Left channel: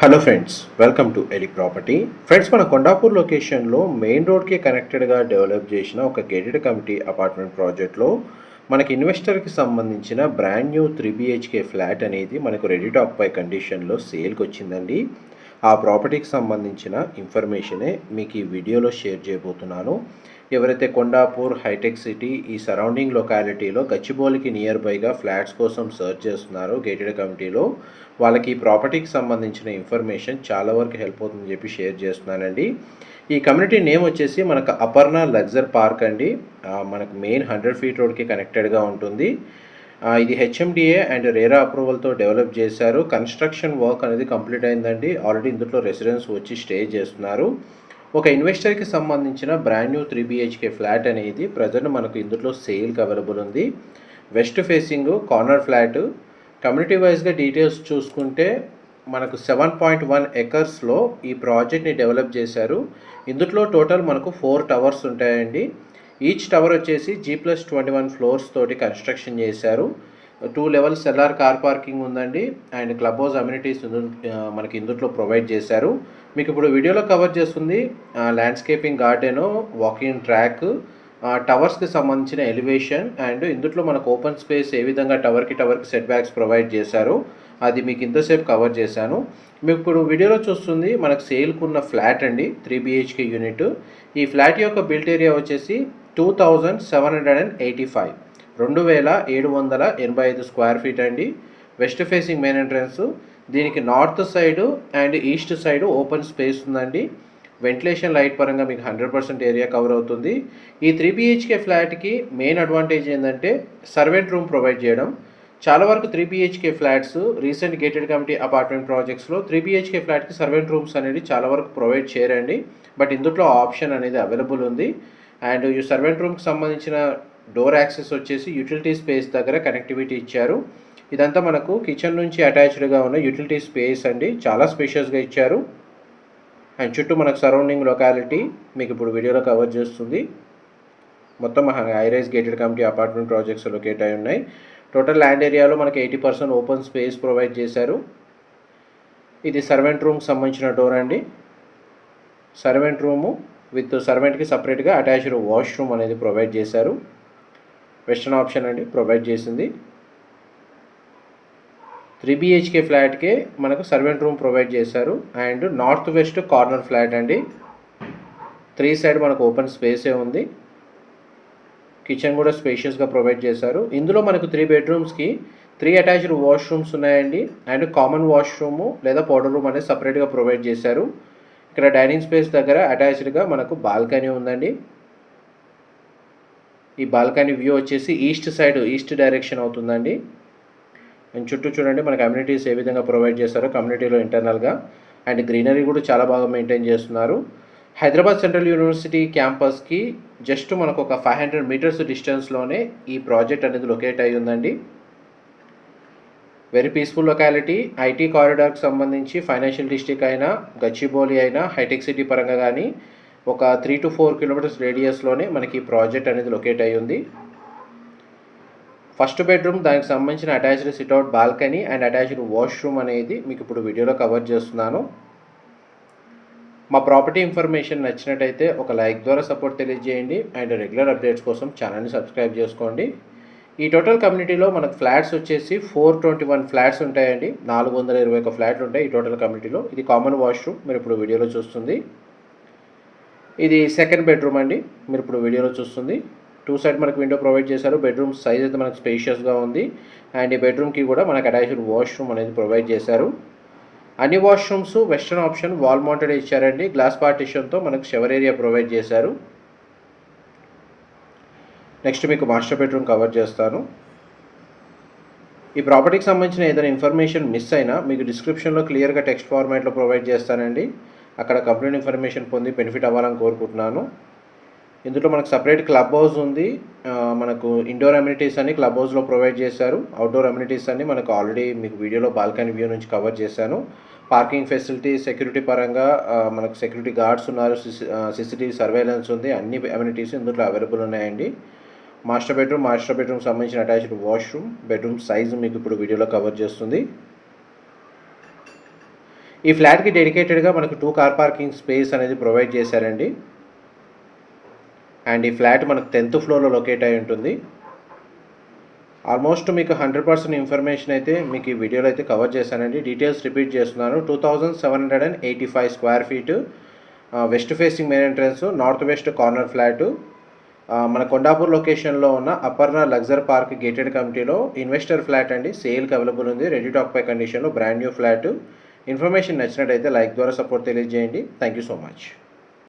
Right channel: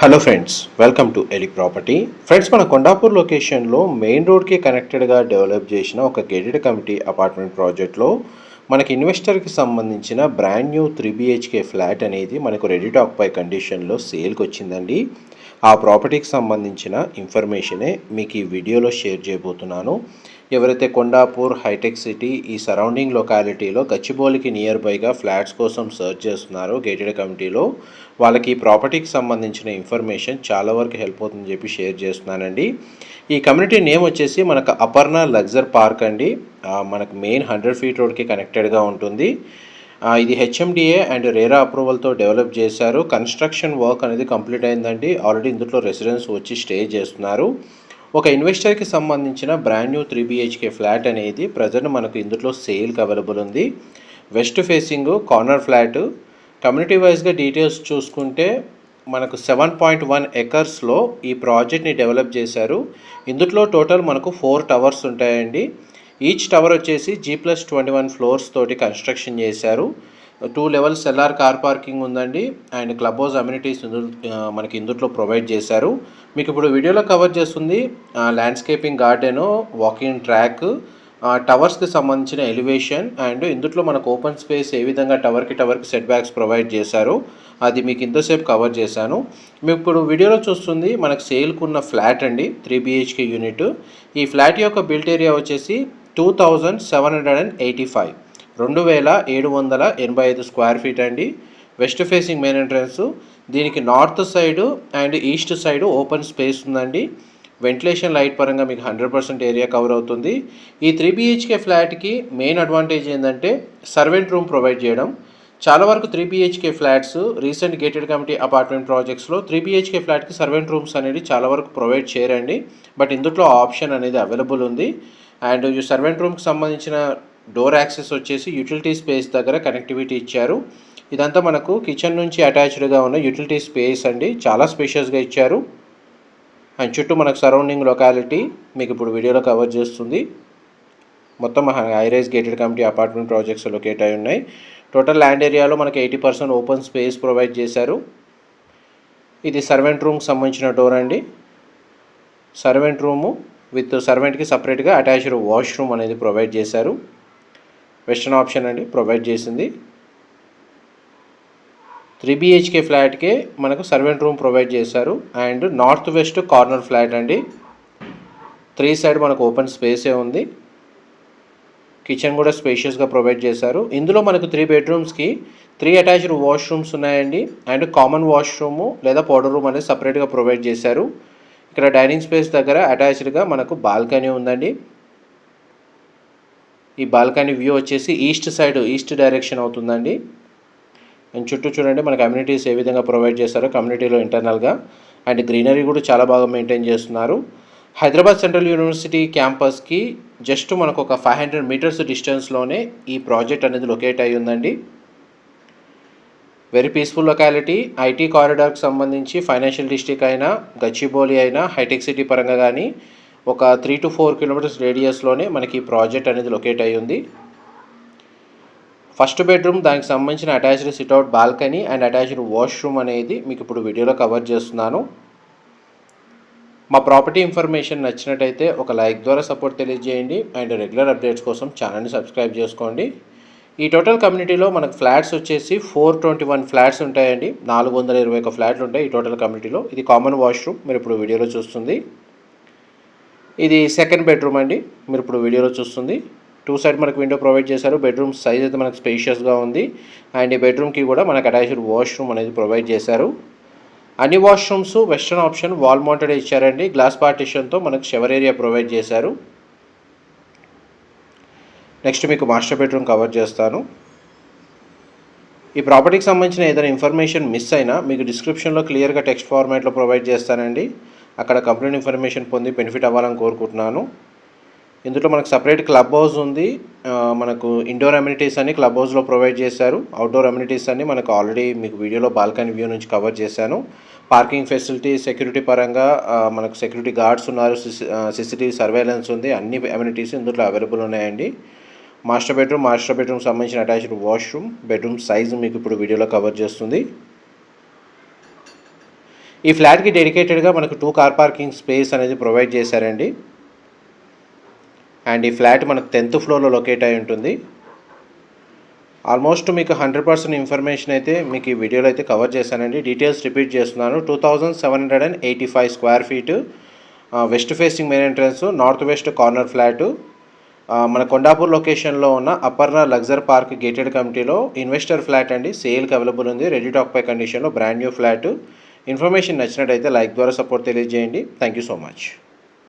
Hello friends welcome to Eli property friends మన కొండాపూర్ లొకేషన్లో main రోడ్కి కనెక్టెడ్గా డెవలప్ చేసిన ఒక గేటెడ్ కమిటీ అపార్ట్మెంట్ ప్రాజెక్ట్లో మనకి ఇన్వెస్టర్కి సంబంధించిన brand new three BHK flat అనేది మనకు రెడీ టాక్ పై కండిషన్లో సేల్కి వచ్చిందండి ఆ ప్రాపర్టీకి సంబంధించిన ఇన్ఫర్మేషనే మీకు ఈ వీడియోలో షేర్ చేయబోతున్నాను. ఎవరైతే కొండాపూర్ హైటెక్ సిటీ ఈ సరౌండింగ్ లొకాలిటీలో గచ్చిబౌలికి నియర్ బైగా ఫ్లాట్స్ కోసం సర్చ్ చేస్తున్నారో గేటెడ్ కమిటీలో వాళ్ళకి ఈ ప్రాపర్టీకి సంబంధించిన ఇన్ఫర్మేషన్ చాలా వరకు హెల్ప్ అవుతుందని చెప్పి షేర్ చేస్తున్నానండి. ఈ కమ్యూనిటీ నేమ్ వచ్చేసి మనకు అపర్ణ లగ్జర్ పార్క్ అండి. మనకు మెయిన్ హండ్రెడ్ ఫీట్ రోడ్కి కనెక్టెడ్గా ఉంటుంది. ఇది హెచ్ఎండిఏ అండ్ రేరా అప్రూవల్తో డెవలప్ చేశారు. కన్స్ట్రక్షన్ వర్క్ అనేది కంప్లీట్ అయిందండి. ఆల్రెడీ ఇందులో రెసిడెన్స్ వచ్చి స్టే చేస్తున్నారు. ఒక ఇన్వెస్టర్కి సంబంధించిన brand new three BHK flat అనేది ప్రజెంట్ మనకు ఇందులో సేల్కి అవైలబుల్ ఉంది. West facing corner flat. Community వైజ్గా డీటెయిల్స్ చూసుకుంటే మనకు సెవెన్ పాయింట్ వన్ ఎకర్స్లో ఈ ప్రాజెక్ట్ని డెవలప్ చేశారు. ఇందులో టోటల్ మనకు ఫోర్ టవర్స్ ఉంటాయండి. ఈచ్ టవర్ వచ్చేసి G plus twenty one floors తోటి కన్స్ట్రక్షన్ చేశారు. Two levels LR car parking ఉందండి. అండ్ క్లబ్ హౌస్ అమ్యూనిటీస్ మనకి ఇందులో ప్రొవైడ్ చేశారు. మీకు ఇప్పుడు వీడియోలో కవర్ చేస్తుంది ల్యాండ్స్కేపింగ్ గార్డెను వాకింగ్ ట్రాక్ టవర్స్కి సంబంధించిన ఎలివేషన్ అండ్ ఇందుట్లో మనకు ఓపెన్ స్పేస్ ఏ విధంగా టవర్కి టవర్కి సెట్ బ్యాక్స్ ప్రొవైడ్ చేశారు అది మీకు ఇంతసేపు కవర్ చేశాను. మీకు ఇప్పుడు వీడియోలో చూస్తుంది మనకు సేల్కు ఉన్న ఫ్లాట్ అండి త్రీ బిహెచ్కే యూనిట్ ఈ ఫ్లాట్ యొక్క బిల్ట్ ఏరియా వచ్చేసి two thousand seven hundred and eighty five రెండు వేల ఏడు వందల ఎనభై ఐదు స్క్వేర్ ఫీట్ అండి. వెస్ట్ ఫేసింగ్ మెయిన్ ఎంట్రన్స్ దీనికి north side and east side open space ఉందండి. వెంటిలేషన్ లైట్ పరంగా మీకు హండ్రెడ్ పర్సెంట్ ఏరియా కవర్ అవుతుంది. ఈ త్రీ బిహెచ్కే ఫ్లాట్కి మెయిన్ అడ్వాంటేజ్ ఏంటంటే సర్వెంట్ రూమ్ ప్రొవైడ్ చేయడం. చాలా వరకు three BHK flats recent gated community apartment ప్రాజెక్ట్స్లో three BHK ఫ్లాట్కి సర్వెంట్ రూమ్స్ అనేది చాలా వరకు ప్రొవైడ్ చేయరండి. బట్ ఇందులో ఆప్షన్ అనేది అవైలబుల్ ఉంది. అండ్ ఈ సర్వెంట్ రూమ్కి సంబంధించిన డోర్ యాక్సెస్ వచ్చేసి యూటిలిటీ స్పేస్ దగ్గర కనెక్టివిటీ ఇచ్చారు. ఇదంతా మనకు కిచెన్ నుంచి అటాచ్డ్గా ఉన్న యూటిలిటీ స్పేస్ అండి. చాలా స్పేషియస్గా ఇచ్చారు. అండ్ చుట్టూ మనకు సరౌండింగ్ లొకాలిటీ మీకు ఇప్పుడు వీడియోలో కవర్ చేస్తుంది. మొత్తం highrise gated community apartment projects locate అయి ఉన్నాయి. టోటల్ ల్యాండ్ ఏరియాలో మనకి eighty percent open space provide చేశారు. ఇది సర్వెంట్ రూమ్కి సంబంధించిన డోర్ అండి. సర్వెంట్ రూము విత్ సర్వెంట్కి సపరేట్గా అటాచ్డ్ వాష్రూమ్ అనేది ప్రొవైడ్ చేశారు. వెస్టర్న్ ఆప్షన్ అండి ప్రొవైడ్ చేసింది. త్రీ బిహెచ్కే ఫ్లాట్కే మనకు సర్వెంట్ రూమ్ ప్రొవైడ్ చేశారు. And north west corner flat అండి. త్రీ సైడ్ మనకు ఓపెన్ స్పేసే ఉంది. కిచెన్ కూడా స్పేషియస్గా ప్రొవైడ్ చేశారు. ఇందులో మనకు త్రీ బెడ్రూమ్స్కి త్రీ అటాచ్డ్ వాష్రూమ్స్ ఉన్నాయండి. అండ్ కామన్ వాష్రూము లేదా పౌడర్ రూమ్ అనేది సపరేట్గా ప్రొవైడ్ చేశారు. ఇక్కడ డైనింగ్ స్పేస్ దగ్గర అటాచ్డ్గా మనకు బాల్కనీ ఉందండి. ఈ బాల్కనీ వ్యూ వచ్చేసి ఈస్ట్ సైడ్ ఈస్ట్ డైరెక్షన్ అవుతుందండి. అండ్ చుట్టూ చూడండి మనకి కమ్యూనిటీస్ ఏ విధంగా ప్రొవైడ్ చేస్తారో కమ్యూనిటీలో ఇంటర్నల్గా అండ్ గ్రీనరీ కూడా చాలా బాగా మెయింటైన్ చేస్తున్నారు. హైదరాబాద్ సెంట్రల్ యూనివర్సిటీ క్యాంపస్కి జస్ట్ మనకు ఒక ఫైవ్ హండ్రెడ్ మీటర్స్ డిస్టెన్స్లోనే ఈ ప్రాజెక్ట్ అనేది లొకేట్ అయి ఉందండి. వెరీ పీస్ఫుల్ లొకాలిటీ ఐటీ కారిడార్కి సంబంధించి ఫైనాన్షియల్ డిస్ట్రిక్ట్ అయినా గచ్చిబౌలి అయినా హైటెక్ సిటీ పరంగా కానీ ఒక త్రీ టు ఫోర్ కిలోమీటర్స్ రేడియస్లోనే మనకి ఈ ప్రాజెక్ట్ అనేది లొకేట్ అయి ఉంది. ఫస్ట్ బెడ్రూమ్ దానికి సంబంధించిన attached sit out balcony and attached washroom అనేది మీకు ఇప్పుడు వీడియోలో కవర్ చేస్తున్నాను. మా ప్రాపర్టీ ఇన్ఫర్మేషన్ నచ్చినట్టయితే ఒక లైక్ ద్వారా సపోర్ట్ తెలియజేయండి. అండ్ రెగ్యులర్ అప్డేట్స్ కోసం ఛానల్ని సబ్స్క్రైబ్ చేసుకోండి. ఈ టోటల్ కమ్యూనిటీలో మనకు ఫ్లాట్స్ వచ్చేసి ఫోర్ ట్వంటీ వన్ ఫ్లాట్స్ ఉంటాయండి. నాలుగు వందల ఇరవై ఒక ఫ్లాట్లు ఉంటాయి ఈ టోటల్ కమ్యూనిటీలో. ఇది కామన్ వాష్రూమ్ మీరు ఇప్పుడు వీడియోలో చూస్తుంది. ఇది సెకండ్ బెడ్రూమ్ అండి మీరు ఇప్పుడు వీడియోలో చూస్తుంది. టూ సైడ్ మనకు విండో ప్రొవైడ్ చేశారు. బెడ్రూమ్ సైజ్ అయితే మనకు స్పేషియస్గా ఉంది. అండ్ ఈ బెడ్రూమ్కి కూడా మనకు అటాచ్డ్ వాష్రూమ్ అనేది ప్రొవైడ్ చేశారు. అన్ని washrooms western option wall mounted ఇచ్చారండి. గ్లాస్ పార్టిషన్తో మనకు షవర్ ఏరియా ప్రొవైడ్ చేశారు. నెక్స్ట్ మీకు మాస్టర్ బెడ్రూమ్ కవర్ చేస్తాను. ఈ ప్రాపర్టీకి సంబంధించిన ఏదైనా ఇన్ఫర్మేషన్ మిస్ అయినా మీకు డిస్క్రిప్షన్లో క్లియర్గా టెక్స్ట్ ఫార్మాట్లో ప్రొవైడ్ చేస్తానండి. అక్కడ కంప్లీట్ ఇన్ఫర్మేషన్ పొంది బెనిఫిట్ అవ్వాలని కోరుకుంటున్నాను. ఇందులో మనకు సపరేట్ క్లబ్ హౌస్ ఉంది. మనకు ఇండోర్ అమ్యూనిటీస్ అని క్లబ్ హౌస్లో ప్రొవైడ్ చేశారు. అవుట్డోర్ అమ్యూనిటీస్ అన్ని మనకు ఆల్రెడీ మీకు వీడియోలో బాల్కనీ వ్యూ నుంచి కవర్ చేశాను. పార్కింగ్ ఫెసిలిటీ సెక్యూరిటీ పరంగా మనకు సెక్యూరిటీ గార్డ్స్ ఉన్నారు. సిసిటీవీ సర్వేలెన్స్ ఉంది. అన్ని అమ్యూనిటీస్ ఇందులో అవైలబుల్ ఉన్నాయండి. మాస్టర్ బెడ్రూమ్ మాస్టర్ బెడ్రూమ్ సంబంధించిన అటాచ్డ్ వాష్రూమ్. బెడ్రూమ్ సైజు మీకు ఇప్పుడు వీడియోలో కవర్ చేస్తుంది. ఈ ఫ్లాట్కి డెడికేటెడ్గా మనకు టూ కార్ పార్కింగ్ స్పేస్ అనేది ప్రొవైడ్ చేశారండి. అండ్ ఈ ఫ్లాట్ మనకు టెన్త్ ఫ్లోర్లో లొకేట్ అయి ఉంటుంది. ఆల్మోస్ట్ మీకు హండ్రెడ్ పర్సెంట్ ఇన్ఫర్మేషన్ అయితే మీకు ఈ వీడియోలో అయితే కవర్ చేశానండి. డీటెయిల్స్ రిపీట్ చేస్తున్నాను. Two thousand seven hundred and eighty five square feet west facing main entrance north west corner flat మన కొండాపూర్ లొకేషన్లో ఉన్న అపర్ణ లగ్జర్ పార్క్ గేటెడ్ కమిటీలో ఇన్వెస్టర్ ఫ్లాట్ అండి. సేల్కి అవైలబుల్ ఉంది. రెడీ టాక్ పై కండిషన్లో బ్రాండ్ న్యూ ఫ్లాట్. ఇన్ఫర్మేషన్ నచ్చినట్టయితే లైక్ ద్వారా సపోర్ట్ తెలియజేయండి. Thank you so much.